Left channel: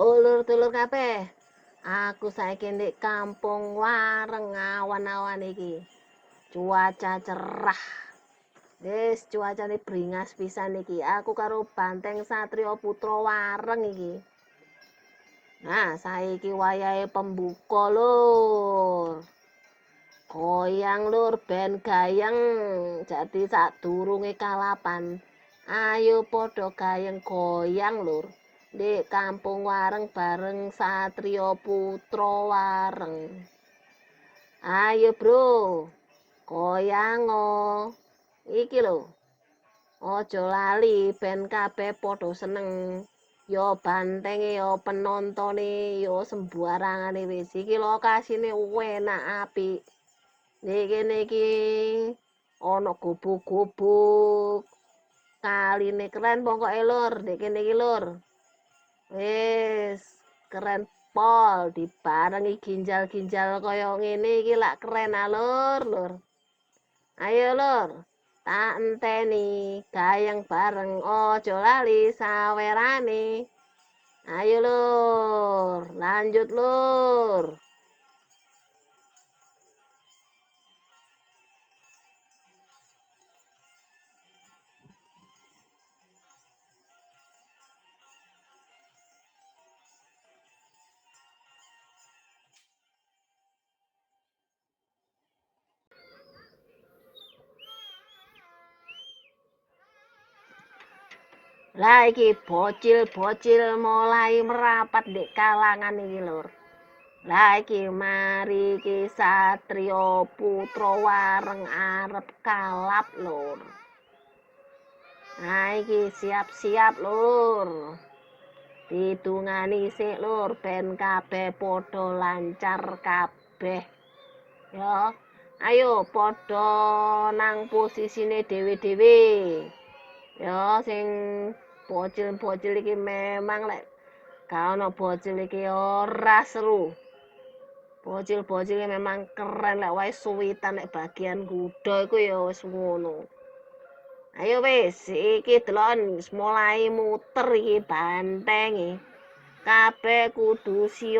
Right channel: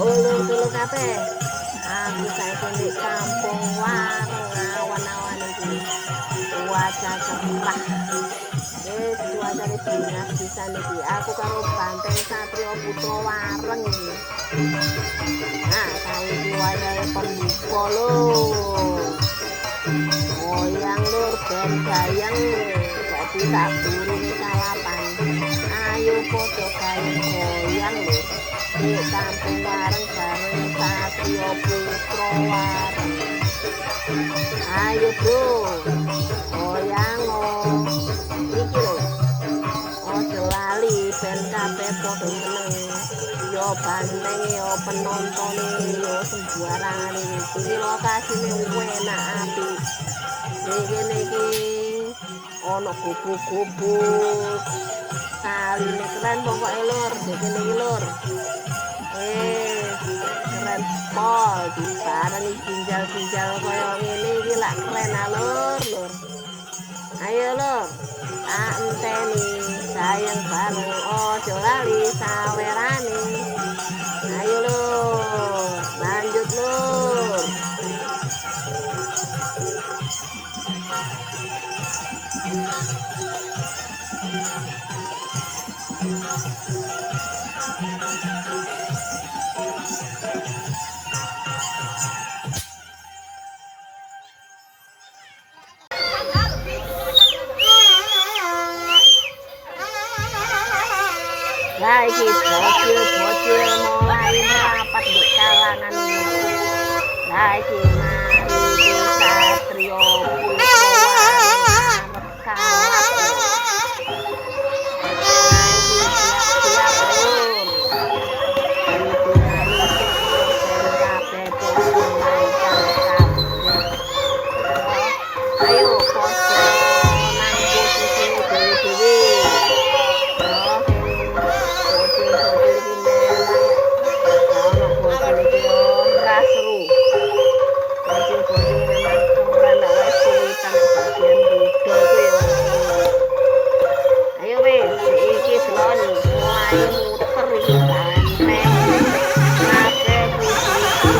Ulur-ulur kabeh. Aku saiki ndek kampung Wareng awan-awan iki. Cuaca cerah. Wis cuacane bringas pisan iki. Aku karo Banteng Satrio Putra Wareng iki. Nah, saiki wayahe pembuka lho. Goyang lur ben gayeng dadi sak durunge kalapan. Ayo padha gayeng goyang lur. Di kampung Wareng bareng Satrio Putra Wareng. Ayo bro, goyang iki lho. Ojo lali ben kabeh padha seneng. Yo bantenge yo penontone yo sembarangane iki lokasine enak apik. Kene iki ana gubuk-gubuk. Kaline keren pokoke lur, kene iki lur. Keren pol dibarengi ginjal-ginjal kaya ngene iki lak keren lur. Ayo lur, tak enteni sayang bareng ojo lali sawerane. Ayo lur, lanjut lur. Lah iki bocil-bocil mulai merapat di kalangan ini. Lah iki mari iki Satrio Putra Wareng arep kalap lho. Nah iki siap-siap lur. Hitungane sik lur ben kabeh padha lancar kabeh. Ayo padha nang posisine dhewe-dhewe. Bocil-bocil iki memang lek ana bocil iki ora seru. Bocil-bocil iki memang keren lek wis suwitan nek bagian budo iku ya seru. Ayo wis iki delon mulai muter iki banteng. Kabeh posisi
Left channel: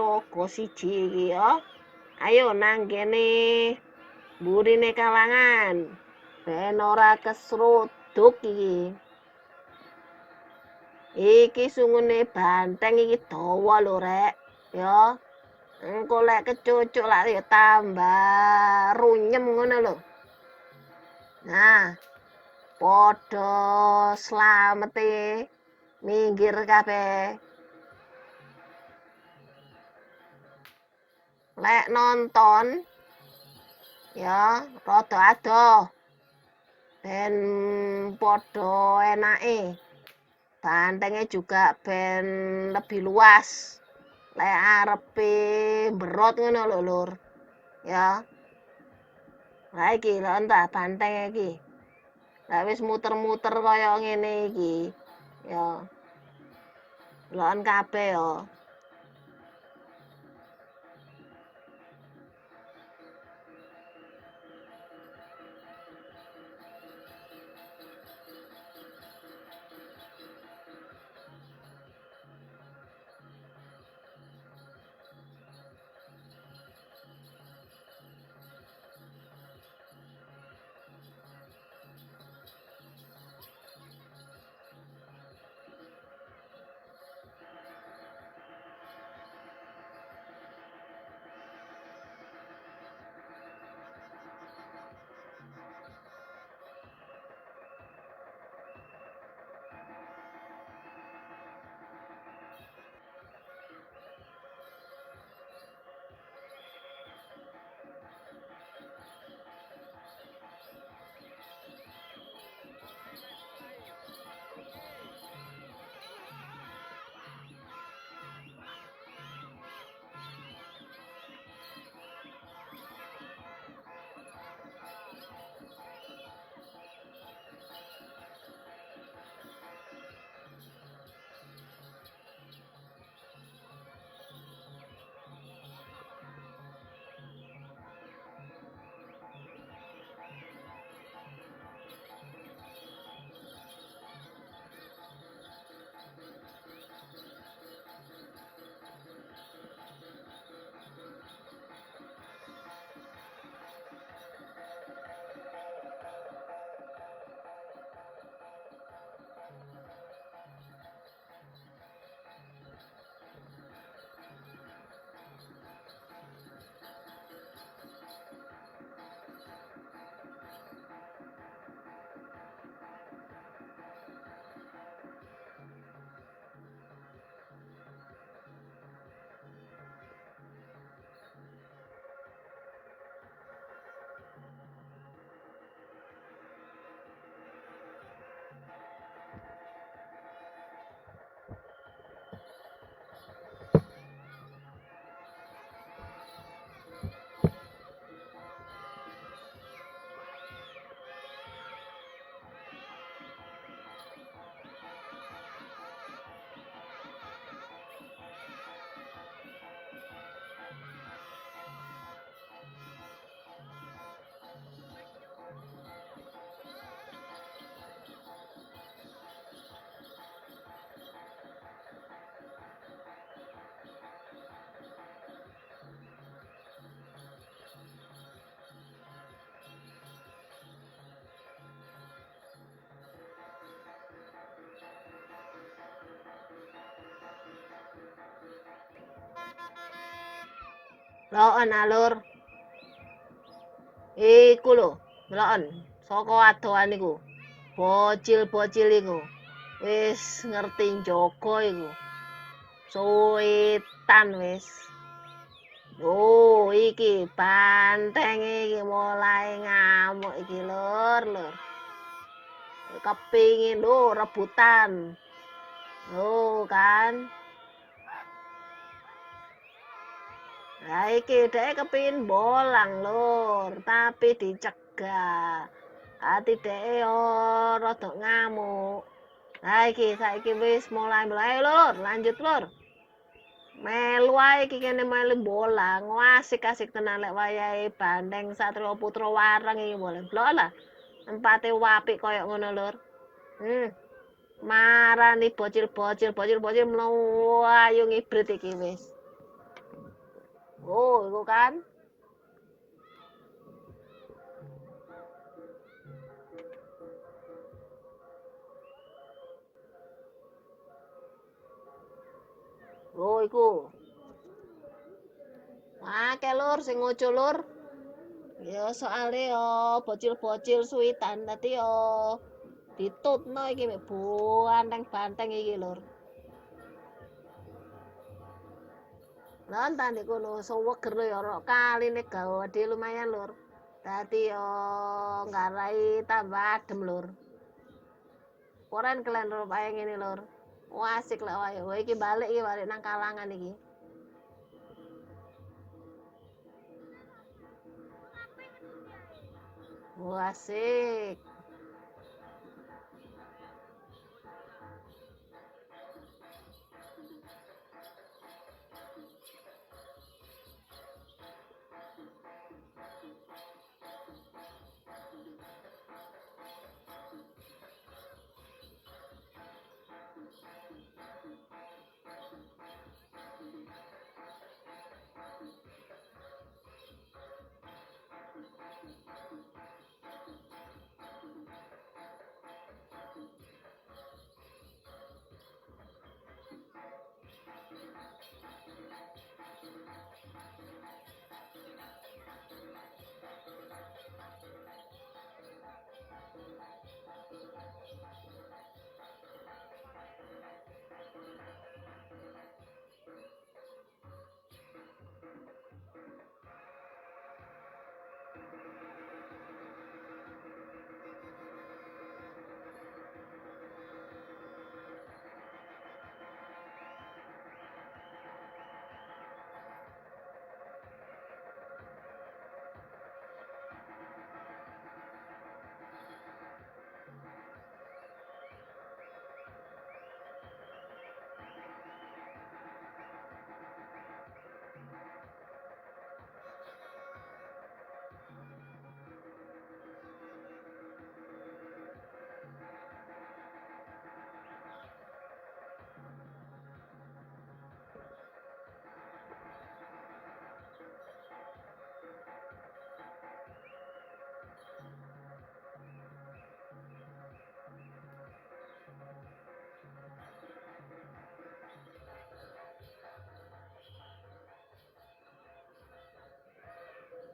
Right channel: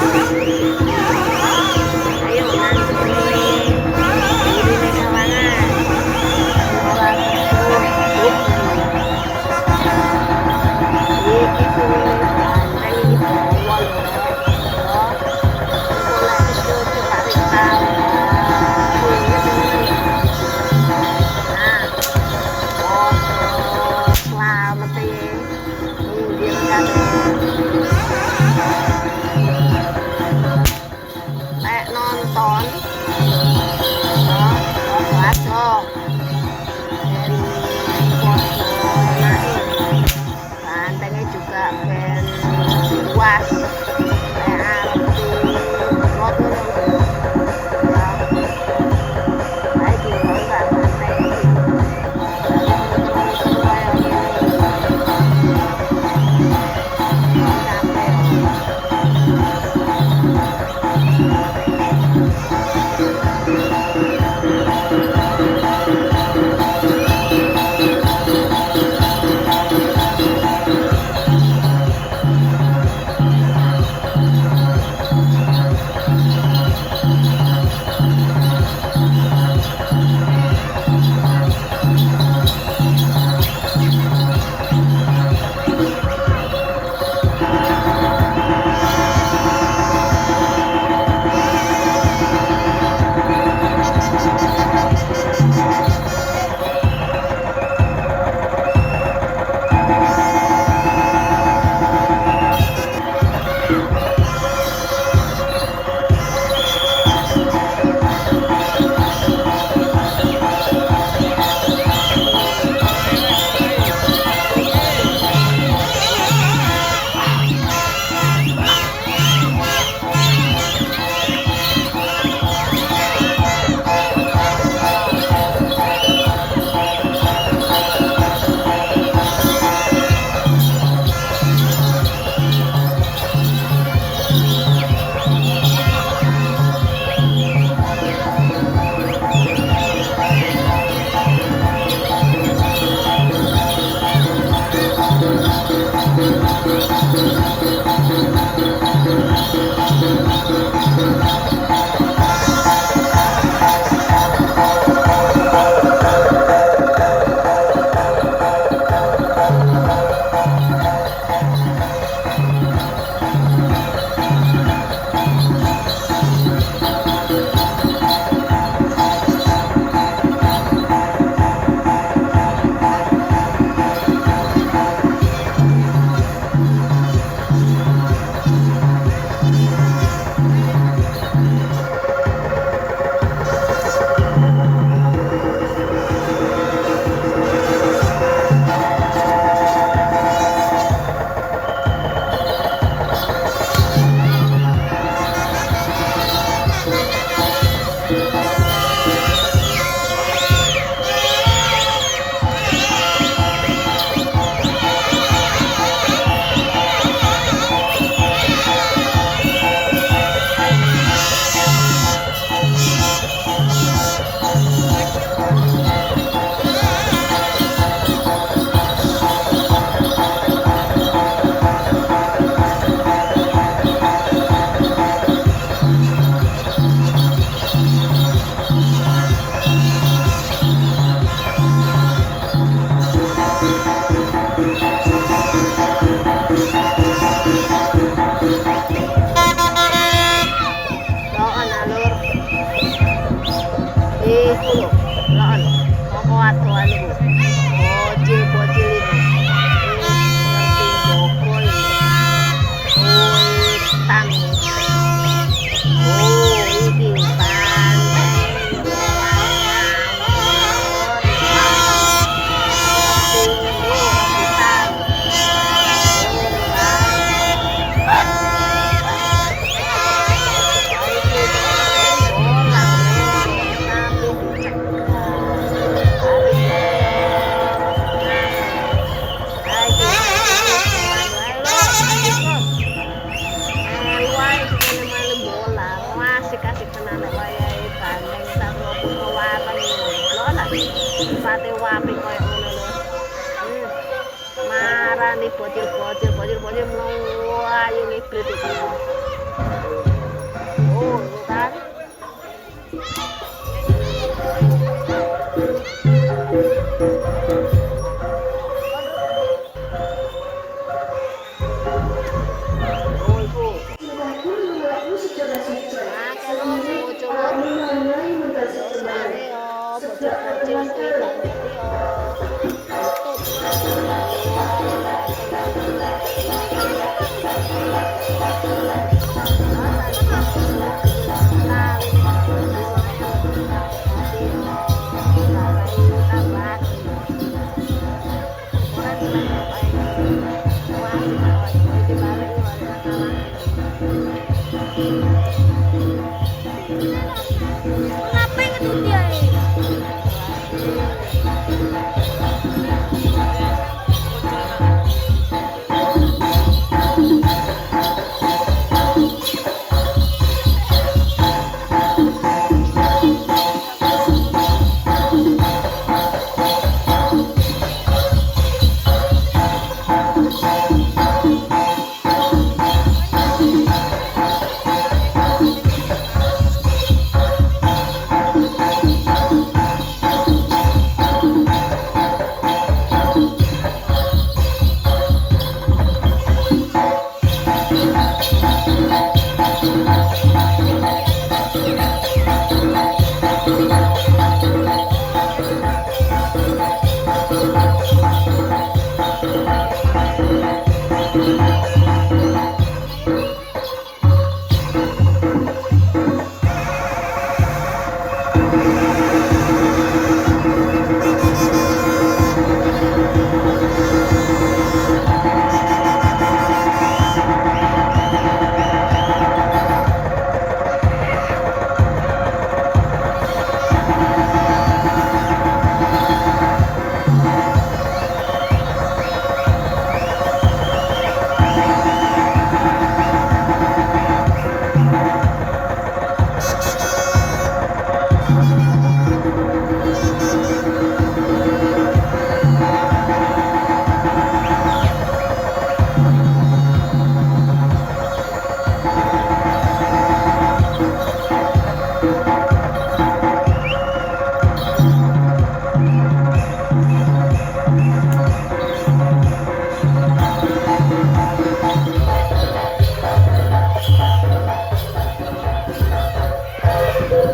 ayo nang kene durine kawangan. Ora terus iki suwune banteng iki bawa lho rek yo engko lek kecucuk lak tambah runyet ngono lho. Nah padha slamete minggir kabeh lek nonton yo padha aja ben padha enake. Bantengnya juga ben lebih luas kayak arep rot ngono lho ya. Lah iki ronda banteng iki wis muter-muter kaya ngene iki kon kabeh yo. Loon, koko adoan iku. Bocil-bocil iku. Ngerti Joko ini. Suwitan. Oh, iki banteng iki mulai ngamuk lur. Kepingin rebutan. Oh, kan. Ya iki dhek kepingin bolang lho, tapi dicegah. Tapi dhek yo rada ngamuk. Saiki wis mulai wae lho, lanjut lho. Melu ae iki kene melu bolang, asik-asik tenan nek wayahe Bandeng Satrio Putra Wareng ngono. Lho lah. Sipate apik koyo ngono lho. Marani bocil-bocil mlayu ngibrit iki. Oh, itu kan. Oh, iku. Akeh lur sing ngucu lur. Yo soalé yo bocil-bocil suwitan ngerti yo. Ditutno iki buah yang banteng iki. Lah tanduk suwek gitu yo kali nek gawe di lumayan lho. Dadi yo garai tambah adem lho. Koran kelen lho kaya ngene lho. Wah asik lah wae. Iki balik nang kalangan iki. Kenapa ngetut dia ini?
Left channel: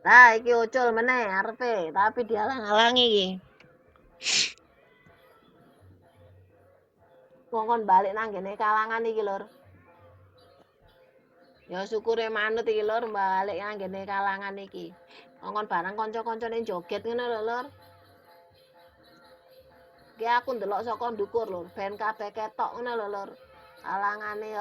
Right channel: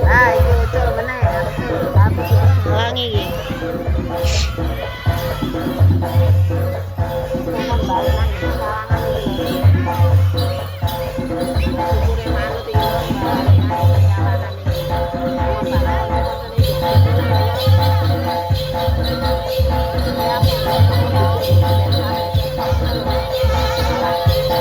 Nah, iki ucul meneh arepe, tapi dihalang-halangi iki. Mohon balik nang kalangan iki lho. Ya syukure manut iki lho balik nang kalangan iki. Mohon barang kanca-kancane joget meneh ya lho. Ya aku delok saka buku ben sampe ketok meneh lho. Kalangan iki.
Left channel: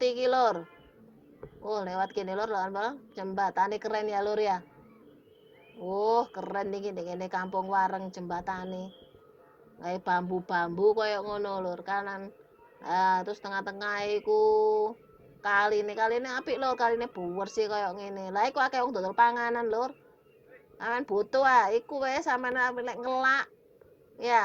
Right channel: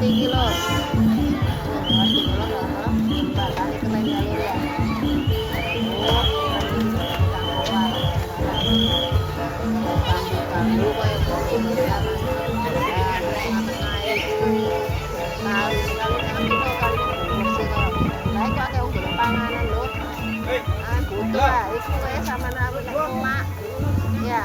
iki lur. Oh, lewat gini lur, jembatan keren ya lur ya. Oh, keren ini kampung warung jembatan. Kayak bambu-bambu kayak ngono lur kan. Ya, di tengah-tengah itu kali ini apik lho, kali ini bersih kayak gini. Lah iku akeh wong golek panganan lur. Butuh iku kayak sampean nek ngelak. Ya.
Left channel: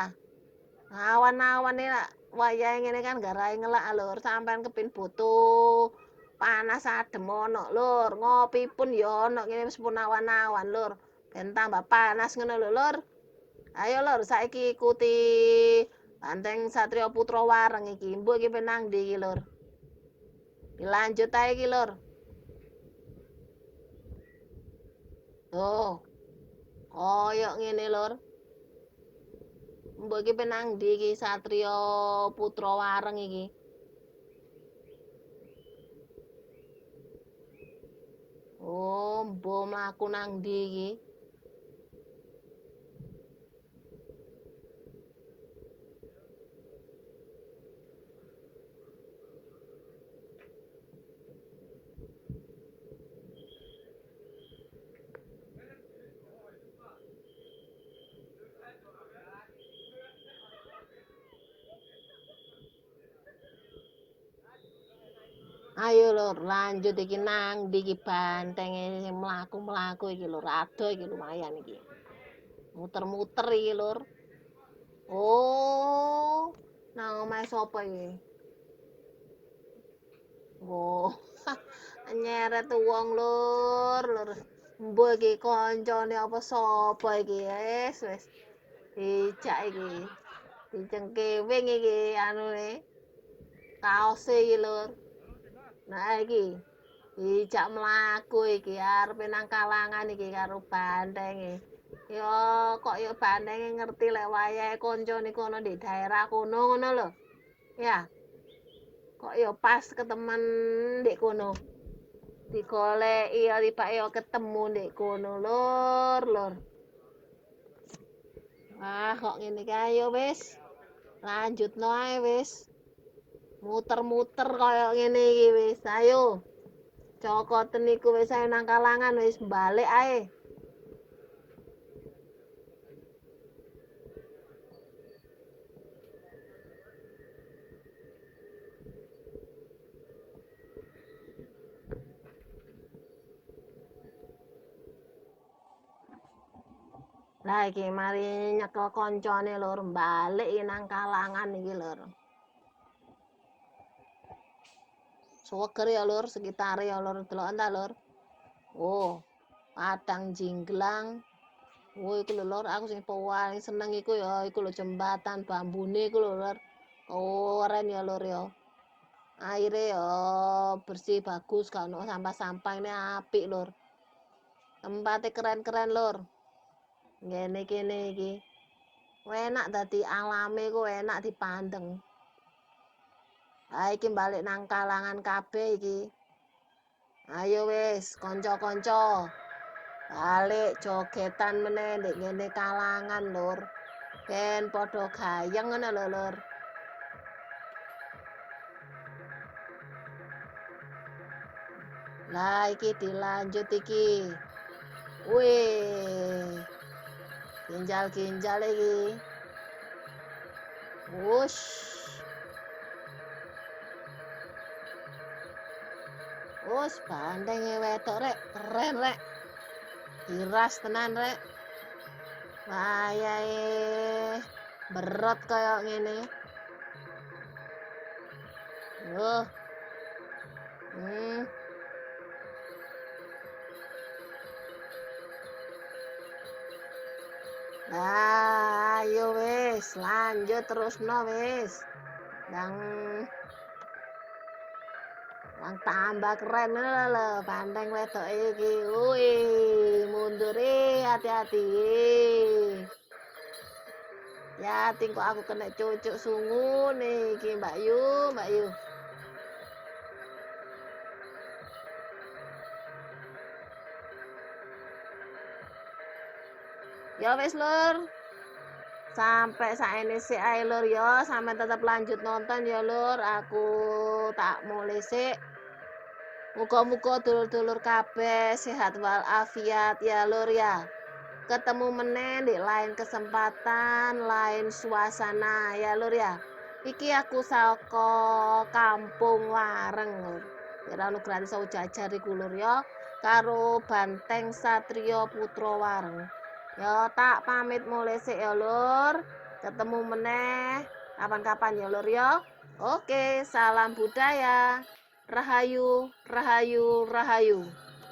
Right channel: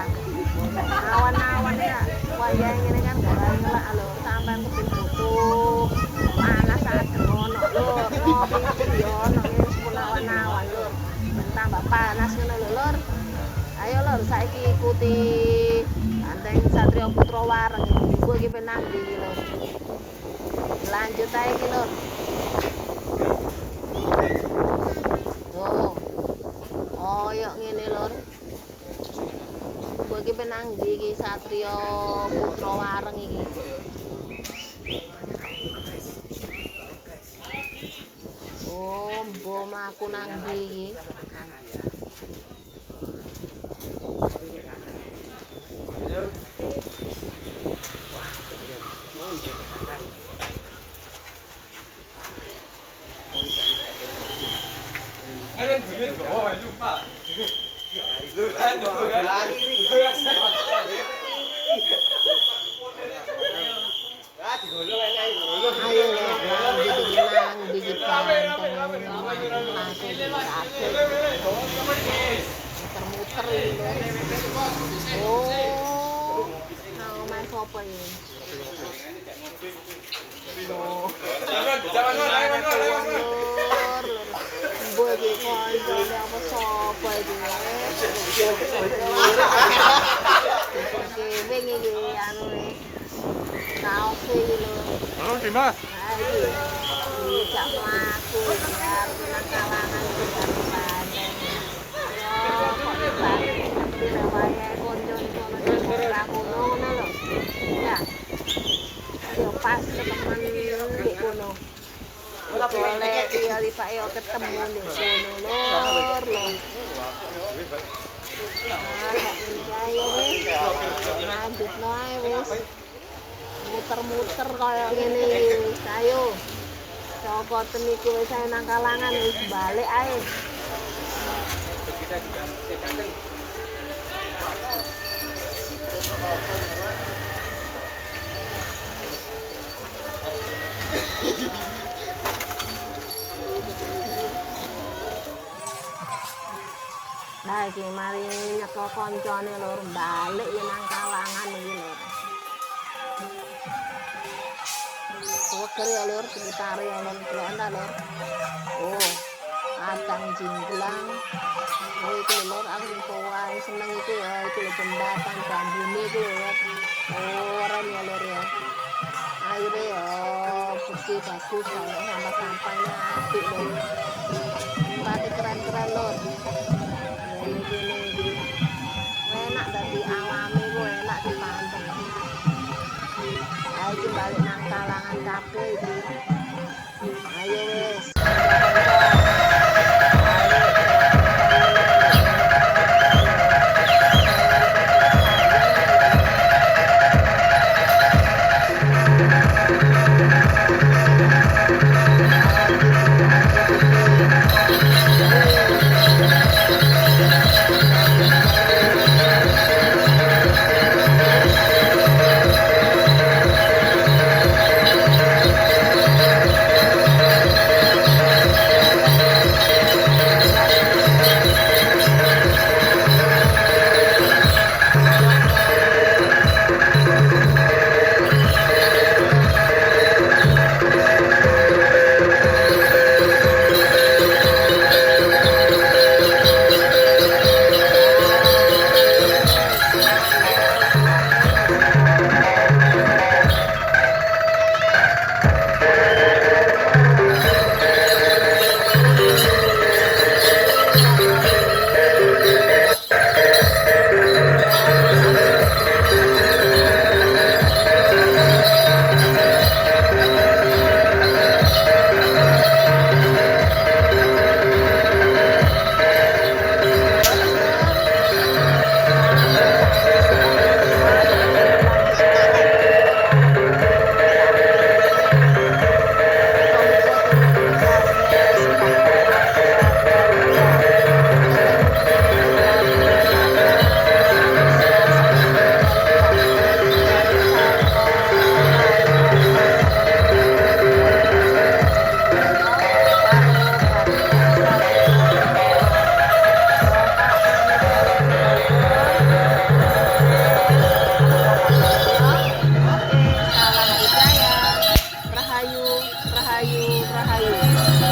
Awan-awan ya wayahe ngene kan garai ngelak lur, sampean kepin butuh panas adem ono lur, ngopi pun ya ono ngene sepun awan-awan lur. Dan tambah panas ngono lho lur. Ayo lur saiki ikuti Banteng Satrio Putra Wareng iki. Mbok iki penang ndi iki lur. Lanjut ae iki lur. Tuh. Koyok ngene lur. Mbok iki penang ndi iki Satrio Putra Wareng iki. Oh, mbok mlaku nang ndi iki? Ayo lho lanjut iki nang ndi iki Banteng ini mlaku-mlaku iki lho kabeh iki. Muter-muter iki lur. Oh, nang omahe sapa iki? Loh. Arep wong lur. Mbok iki kancane apa sapa iki? Kewing iki anune. Kaos iki lho. Oh, Dimas. Nah iki dijak mlaku iki arep nang Kalangan iki arep Banteng. Yo kok iki Banteng ngerti le wayahe kanca niku ana di daerah kono ngono lho. Ya. Kok yo pas ketemen ndek kono. Digolek iya Pak yo ketemu ndek kono lur. Ah kok ngene iki ayo wis. Lanjutno ae wis. Muter-muter kaya ngene iki wis ayo. Cokoten niku wis ae nang Kalangan wis balik ae. Lah iki mari nyeka koncone lur balik nang Kalangan iki lur. Seger ya lur, sekitar ya lur, deloken ta lur. Oh, Padang Jinglang. Oh iku lur, aku sing paling seneng iku ya iku lho jembatan bambune iku lho lur. Oh, keren ya lur ya. Aire ya bersih bagus, gak ono sampah-sampahnya apik lur. Tempatnya keren-keren lur. Ngene kene iki. Enak dadi alame ku enak dipandeng. Ayo balik nang Kalangan kabeh iki. Ayo wis, kanca-kanca. Balik cokotan meneh ndek Kalangan lho. rahayu rahayu.